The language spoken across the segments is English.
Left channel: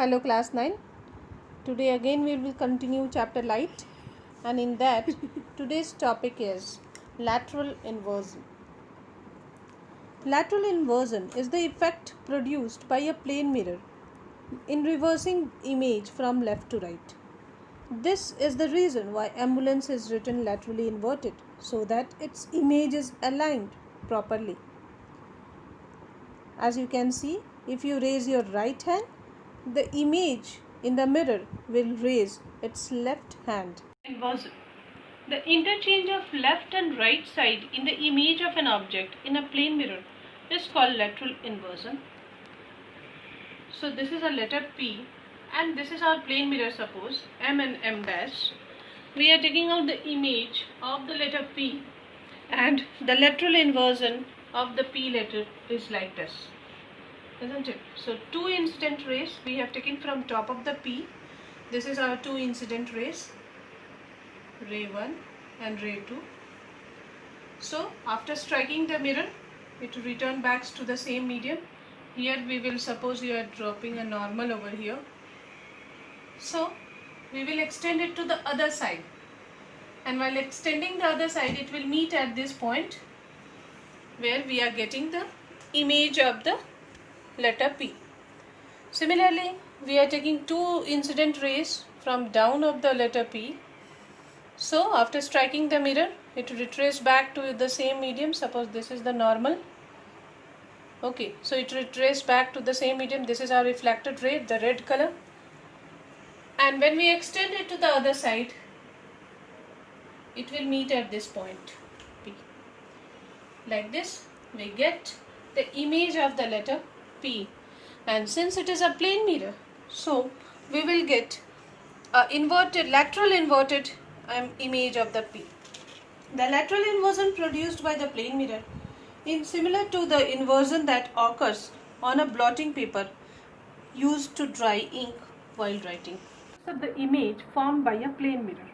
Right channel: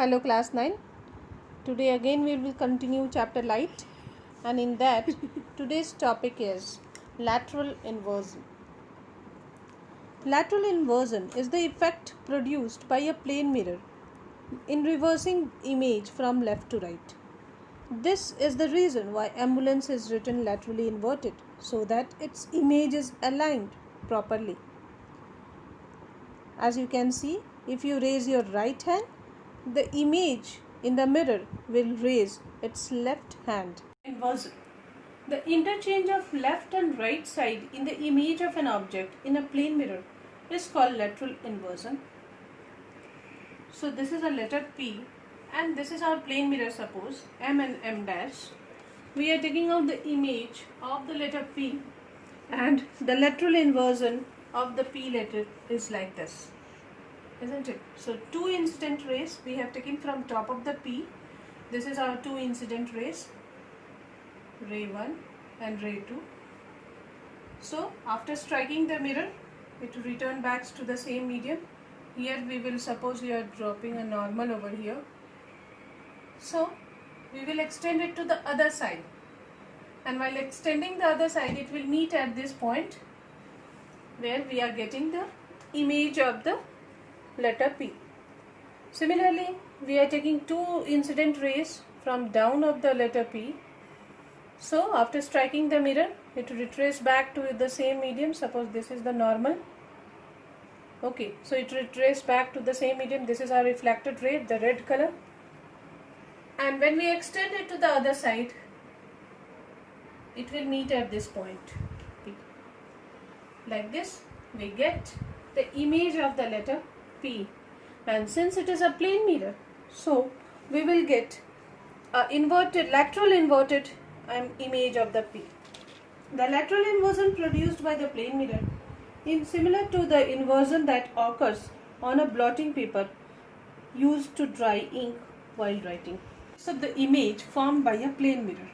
Hello class 9. Today again we will continue chapter light, and in that today's topic is lateral inversion. Lateral inversion is the effect produced by a plane mirror in reversing image from left to right. This is the reason why ambulance is written laterally inverted, so that its image is aligned properly. As you can see, if you raise your right hand, the image in the mirror will raise its left hand. Inversion. The interchange of left and right side in the image of an object in a plane mirror is called lateral inversion. So this is a letter P and this is our plane mirror, suppose M and M dash. We are taking out the image of the letter P, and the lateral inversion of the P letter is like this, isn't it? So two incident rays we have taken from top of the P. This is our two incident rays, ray 1 and ray 2. So after striking the mirror, it will return back to the same medium. Here we will suppose you are dropping a normal over here. So we will extend it to the other side, and while extending the other side, it will meet at this point where we are getting the image of the letter P. Similarly, we are taking two incident rays from down of the letter P. So after striking the mirror, it will retrace back to the same medium. Suppose this is the normal. Okay, so it retrace back to the same medium. This is our reflected ray, the red color. And when we extend it to the other side, it will meet at this point P. Like this, we get the image of the letter P. And since it is a plane mirror, so we will get a lateral inverted image of the P. The lateral inversion produced by the plane mirror is similar to the inversion that occurs on a blotting paper used to dry ink while writing. So the image formed by a plane mirror.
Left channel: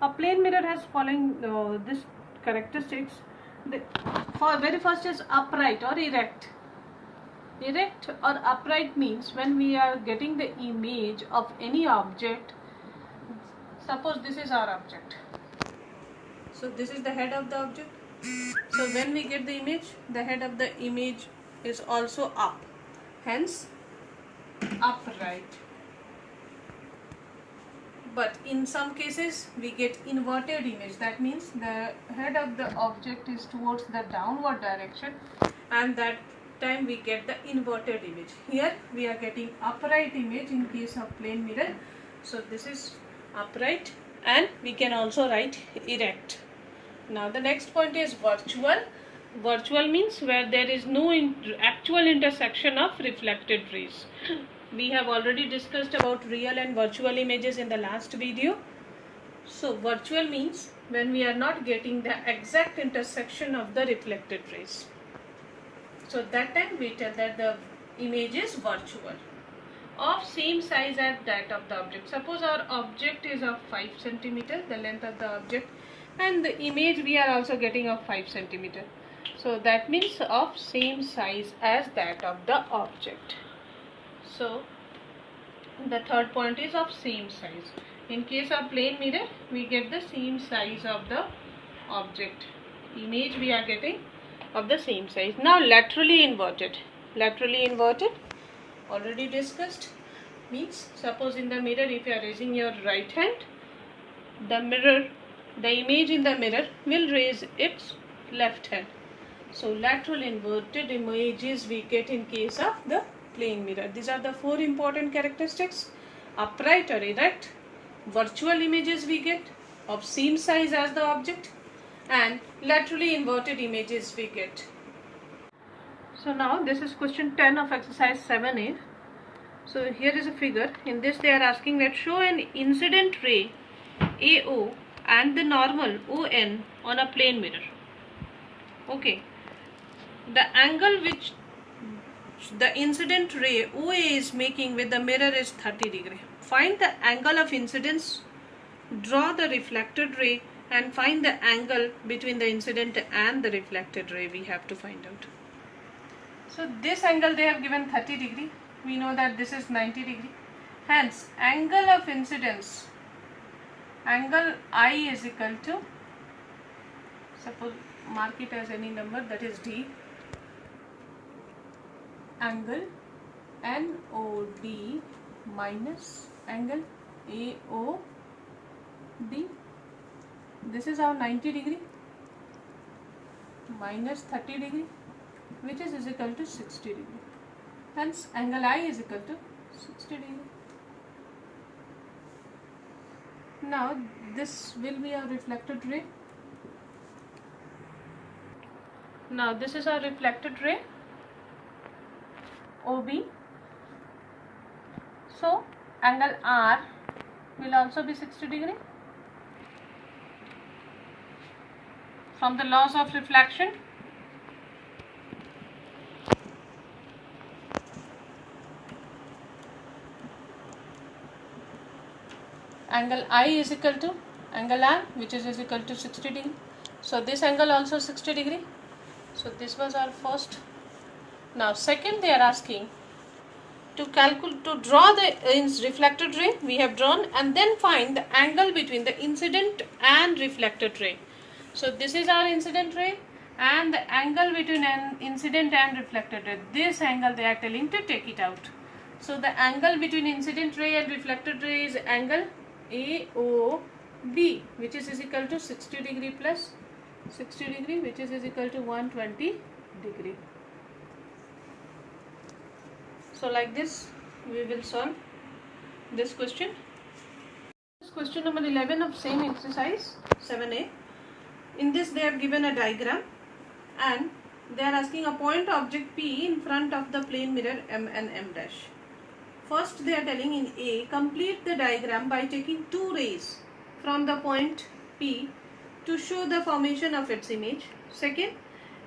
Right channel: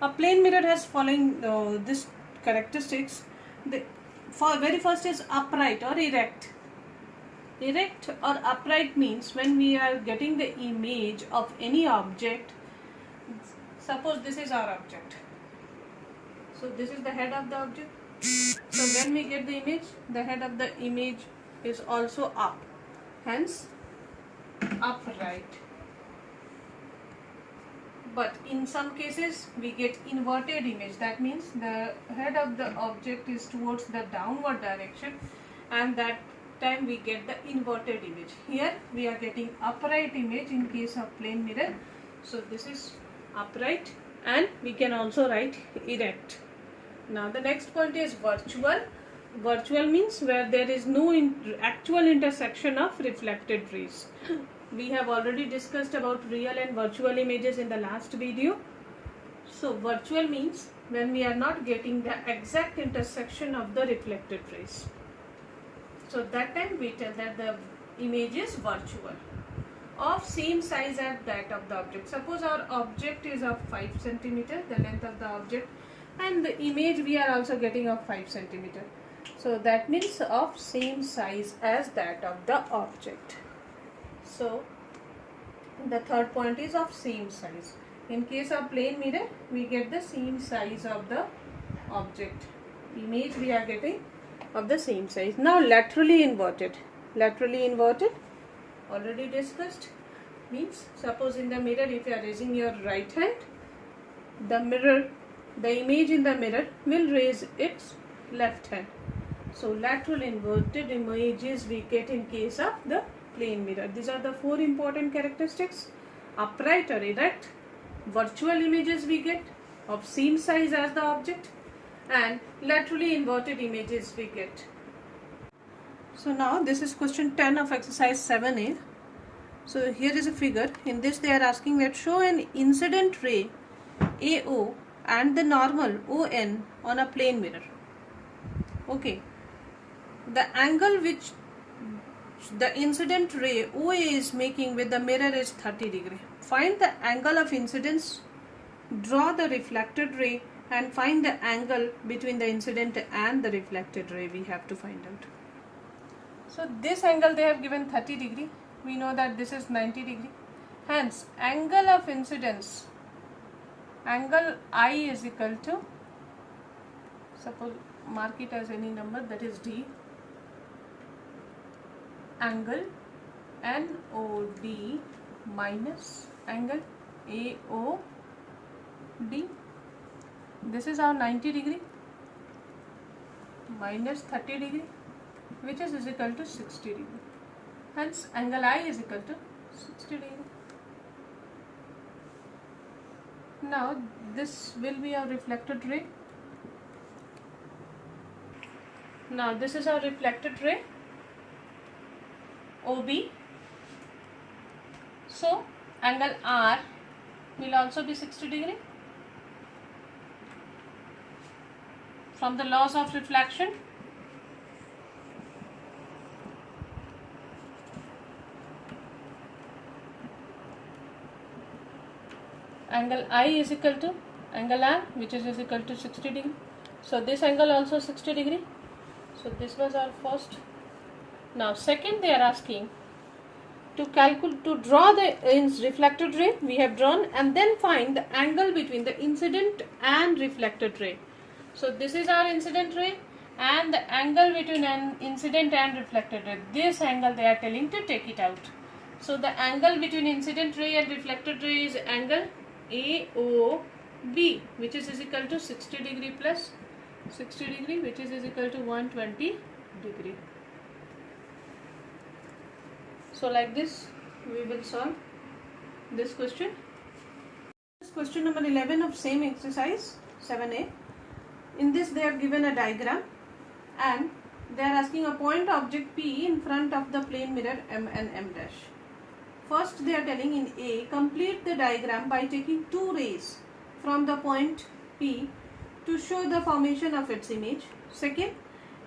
A plane mirror has following this characteristics. The very first is upright or erect. Erect or upright means when we are getting the image of any object. Suppose this is our object. So this is the head of the object. So when we get the image, the head of the image is also up. Hence, upright. But in some cases, we get inverted image. That means the head of the object is towards the downward direction, and that time we get the inverted image. Here we are getting upright image in case of plane mirror. So this is upright, and we can also write erect. Now the next point is virtual. Virtual means where there is no actual intersection of reflected rays. We have already discussed about real and virtual images in the last video. So virtual means when we are not getting the exact intersection of the reflected rays. So that time we tell that the image is virtual, of same size as that of the object. Suppose our object is of 5 cm, the length of the object, and the image we are also getting of 5 cm. So that means of same size as that of the object. So the third point is of same size. In case of plane mirror, we get the same size of the object. Image we are getting of the same size. Now laterally inverted. Laterally inverted, already discussed, means suppose in the mirror, if you are raising your right hand, the image in the mirror will raise its left hand. So lateral inverted images we get in case of the plane mirror. These are the four important characteristics: upright or erect, virtual images we get of same size as the object, and laterally inverted images we get. So now this is question 10 of exercise 7a. So here is a figure. In this they are asking that show an incident ray AO and the normal ON on a plane mirror. Okay. The angle which the incident ray OA is making with the mirror is 30 degree. Find the angle of incidence, draw the reflected ray, and find the angle between the incident and the reflected ray we have to find out. So this angle they have given 30 degree. We know that this is 90 degree. Hence, angle of incidence, angle I is equal to, suppose mark it as any number, that is D, angle NOD minus angle AOD. This is our 90 degree minus 30 degree, which is equal to 60 degree. Hence, angle I is equal to 60 degree. Now, this will be our reflected ray. Now, this is our reflected ray, OB. So, angle R will also be 60 degree. From the laws of reflection, angle I is equal to angle R, which is equal to 60 degree. So this angle also 60 degree. So this was our first. Now second, they are asking to draw the reflected ray. We have drawn, and then find the angle between the incident and reflected ray. So this is our incident ray, and the angle between an incident and reflected ray. This angle they are telling to take it out. So the angle between incident ray and reflected ray is angle AOB, which is equal to 60 degree plus 60 degree, which is equal to 120 degree. So like this we will solve this question. This question number 11 of same exercise 7a. In this they have given a diagram, and they are asking a point object P in front of the plane mirror M and M dash. First, they are telling in A, complete the diagram by taking two rays from the point P to show the formation of its image. Second,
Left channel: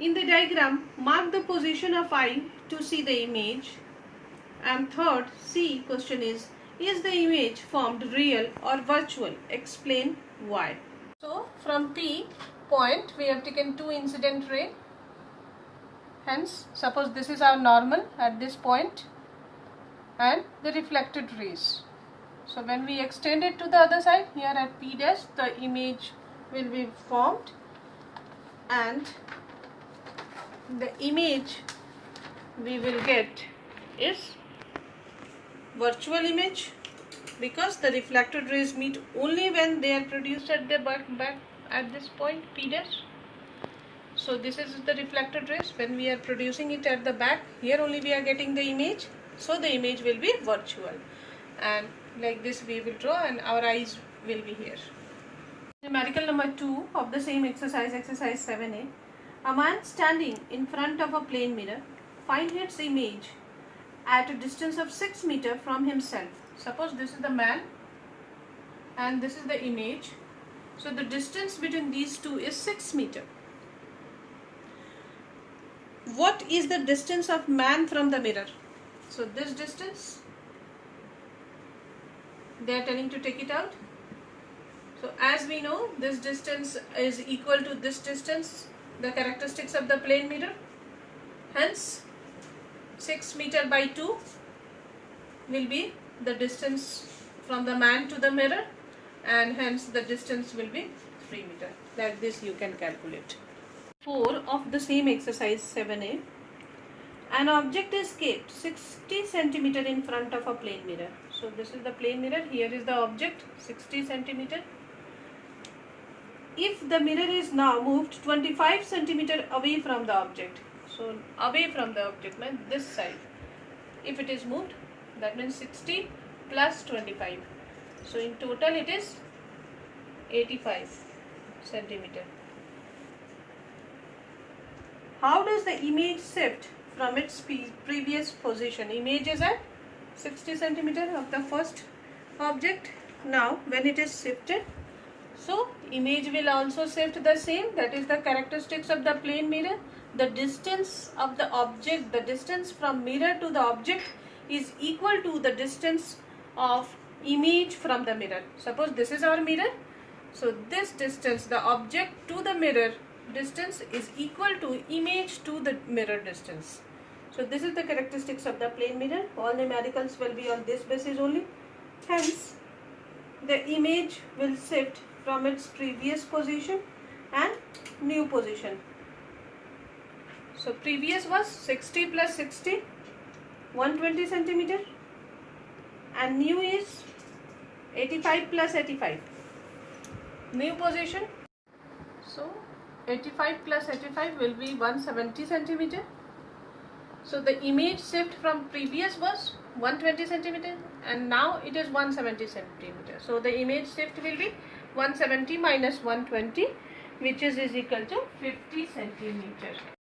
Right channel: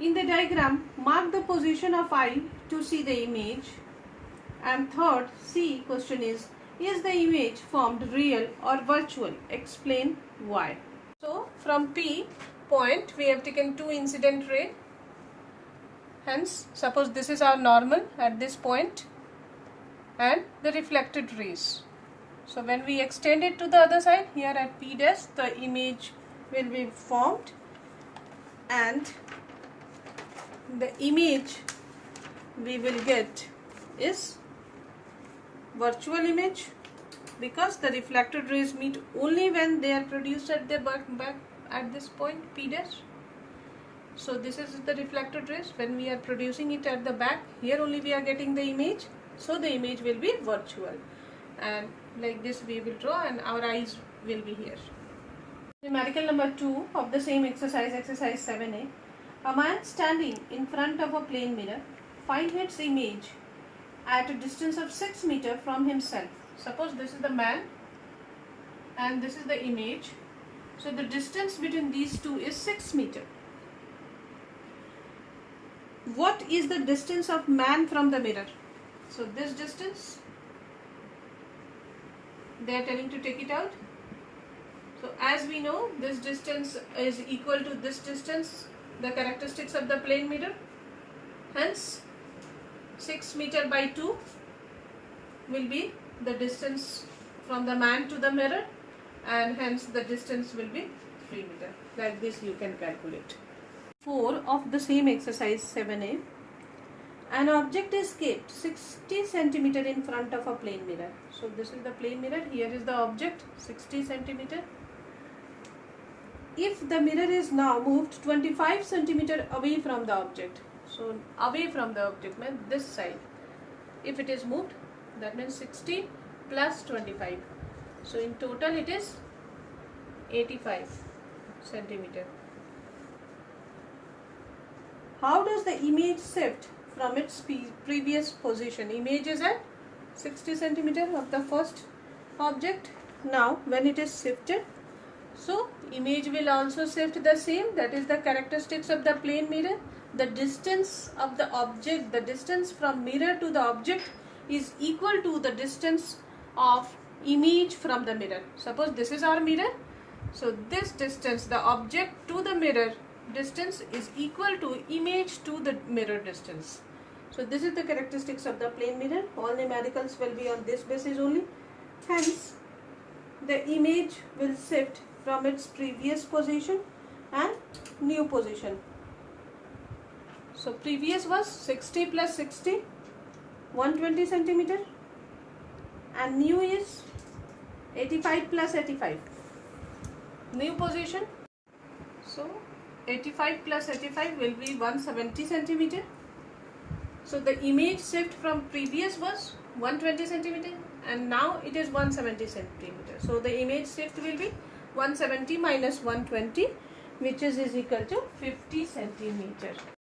in the diagram, mark the position of I to see the image. And third, C question is the image formed real or virtual? Explain why. So, from P point, we have taken two incident ray. Hence, suppose this is our normal at this point, and the reflected rays. So when we extend it to the other side, here at P dash, the image will be formed, and the image we will get is virtual image, because the reflected rays meet only when they are produced at the back at this point P dash. So this is the reflected rays. When we are producing it at the back, here only we are getting the image. So the image will be virtual, and like this we will draw, and our eyes will be here. Numerical number 2 of the same exercise, exercise 7a. A man standing in front of a plane mirror finds its image at a distance of 6 meters from himself. Suppose this is the man and this is the image. So the distance between these two is 6 meters. What is the distance of man from the mirror? So this distance, they are telling to take it out. So as we know, this distance is equal to this distance, the characteristics of the plane mirror. Hence, 6 meters by 2 will be the distance from the man to the mirror, and hence the distance will be 3 meters. Like this you can calculate. 4 of the same exercise 7a. An object is kept 60 centimeter in front of a plane mirror. So this is the plane mirror, here is the object 60 centimeter. If the mirror is now moved 25 centimeter away from the object, so away from the object means this side, if it is moved, that means 60 plus 25. So in total it is 85 centimeter. How does the image shift from its previous position? Image is at 60 centimeter of the first object. Now when it is shifted, so image will also shift the same. That is the characteristics of the plane mirror. The distance of the object, the distance from mirror to the object is equal to the distance of image from the mirror. Suppose this is our mirror. So this distance, the object to the mirror distance, is equal to image to the mirror distance. So this is the characteristics of the plane mirror. All numericals will be on this basis only. Hence, the image will shift from its previous position and new position. So previous was 60 plus 60, 120 centimeter, and new is 85 plus 85. New position. So 85 plus 85 will be 170 centimeter. So the image shift from previous was 120 centimeter and now it is 170 centimeter. So the image shift will be 170 minus 120, which is equal to 50 centimeter.